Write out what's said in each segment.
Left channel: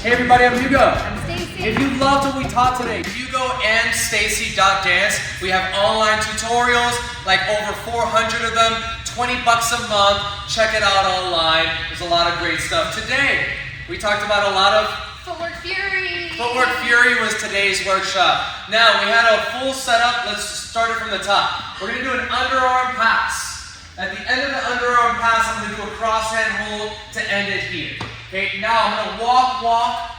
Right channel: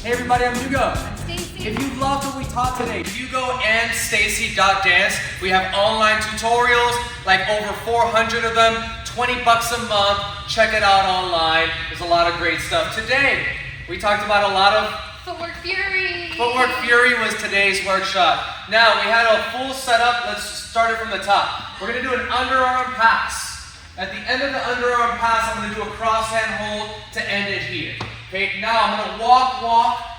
Hey everybody, I'm Hugo. I'm Stacy. If you loved what we taught today, hugoandstacy.dance. We have online tutorials, like over 400 of them, 20 bucks a month. Check it out online. There's a lot of great stuff. Today, we talked about a lot of Footwork Fury. Footwork Fury was today's workshop. Now, we had a full setup. Let's start it from the top. We're going to do an underarm pass. At the end of the underarm pass, I'm going to do a cross-hand hold to end it here. Okay, now I'm going to walk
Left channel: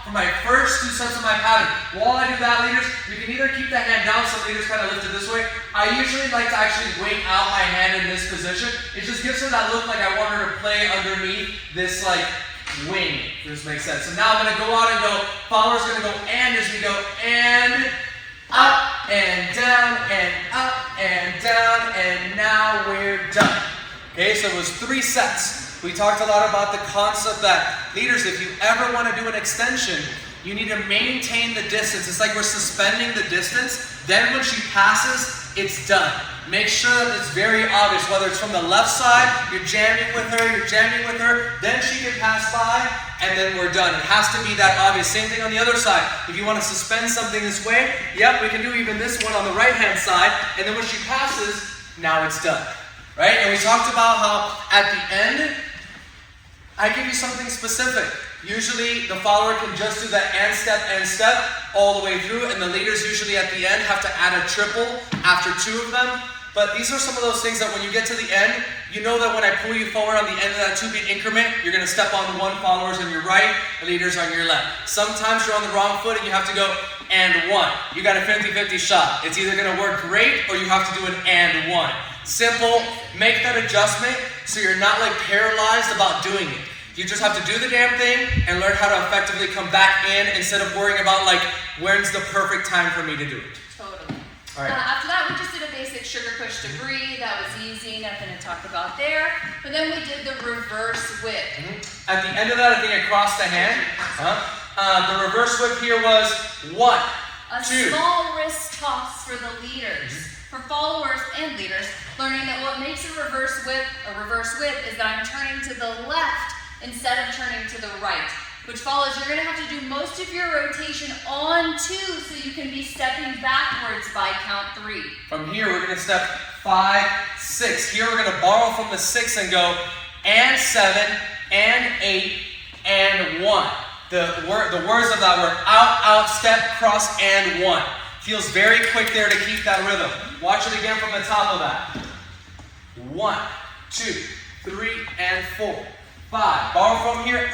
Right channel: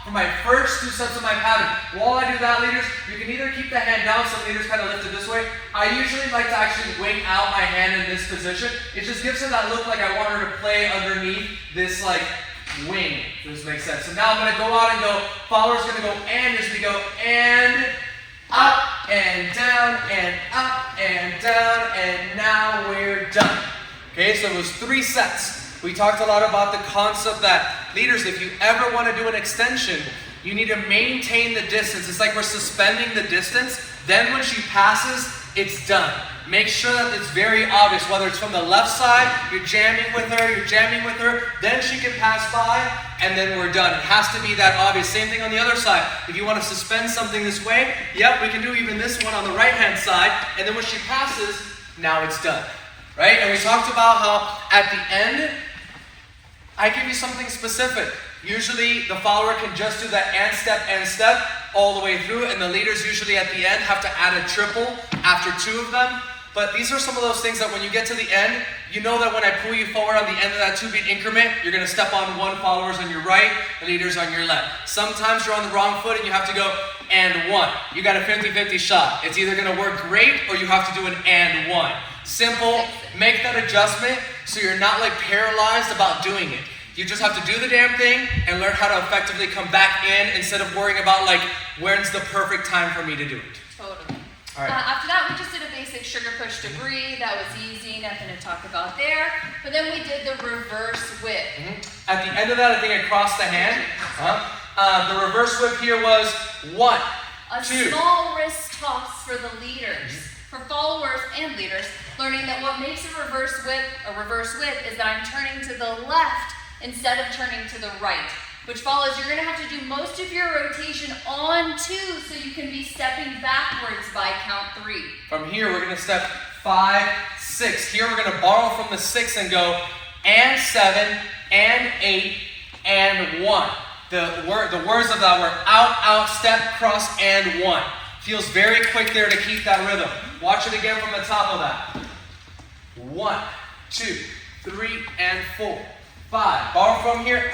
for my first 2 steps of my pattern. While I do that, leaders, you can either keep the hand down so leaders kind of lift it this way. I usually like to actually wait out my hand in this position. It just gives her that look like I want her to play underneath this like wing, if this makes sense. So now I'm going to go out and go, follower's going to go and as we go and up and down and up and down and now we're done. Okay, so it was 3 sets. We talked a lot about the concept that, leaders, if you ever want to do an extension, you need to maintain the distance. It's like we're suspending the distance. Then when she passes, it's done. Make sure that it's very obvious, whether it's from the left side, you're jamming with her, then she can pass by, and then we're done. It has to be that obvious. Same thing on the other side. If you want to suspend something this way, yep, we can do even this one on the right-hand side, and then when she passes, now it's done. Right? And we talked about how at the end, I give you something specific. Usually the follower can just do the and step all the way through, and the leaders usually at the end have to add a triple after 2 of them. But these are some of those things that when you get to the end, you know that when I pull you forward on the end of that 2-beat increment, you're going to step on one, followers on your right, the leaders on your left. Sometimes you're on the wrong foot and you have to go and 1. You got a 50-50 shot. It's either going to work great or you have to do an and 1. Simple, make that adjustment so you're not like paralyzed about doing it. You just have to do the damn thing and learn how to effectively come back in instead of worrying about like, when's the perfect time for me to do it. Totally. All right. After that, we just did a basic sugar push degree. That was easy, nothing to talk about there. But then we did the reverse whip. At the end of that, I think I crossed the hand. The reverse whip here was 1, A 2. small wrist toss for the leaders. For followers and leaders, learning that what makes a reverse whip is that I'm turning to the left instead of turning to the right. Which follows, you're going to have to do most of your rotation on 2 so you can be stepping backwards by count 3. From here, we're going to step 5, 6. Here, we're going to borrow from the 6 and go and 7, and 8, and 1. The words of that were out, step, cross, and 1. Feels very quick there to keep that rhythm. Watch it again from the top of that. 1, 2, 3, and 4. 5. Borrow from here.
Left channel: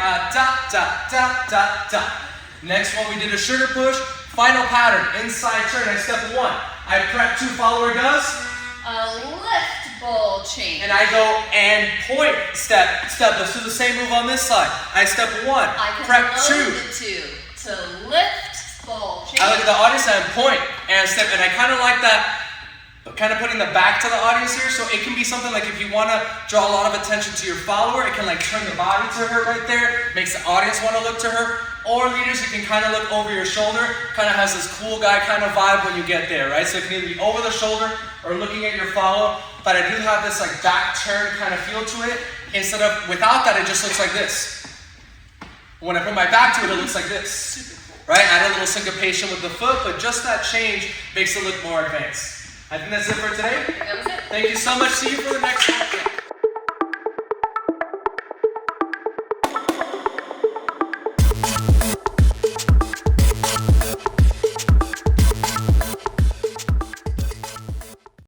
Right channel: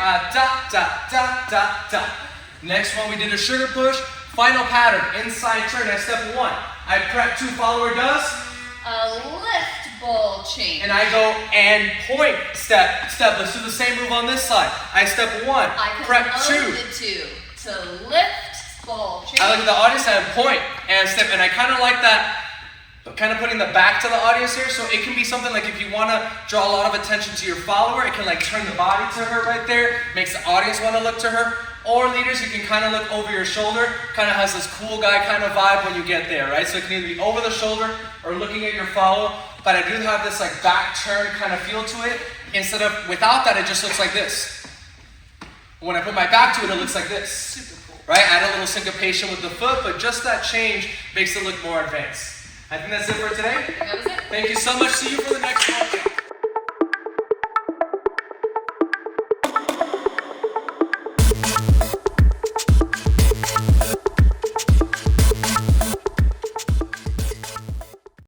Next one, we did a sugar push. Final pattern. Inside turn. I step 1. I prep 2. Follower does A lift ball change. and I go and point. Step. Let's do the same move on this side. I step 1. I Prep can 2. load the 2 to lift ball change. I look at the audience and I point and step, and I kind of like that, kind of putting the back to the audience here. So it can be something like if you want to draw a lot of attention to your follower, it can like turn the body to her right there, makes the audience want to look to her. Or leaders, you can kind of look over your shoulder, kind of has this cool guy kind of vibe when you get there, right? So it can either be over the shoulder or looking at your follow. But I do have this like back turn kind of feel to it. Instead of, without that, it just looks like this. When I put my back to it, it looks like this. Right? Add a little syncopation with the foot, but just that change makes it look more advanced. I think that's it for today. That was it. Thank you so much. See you for the next one.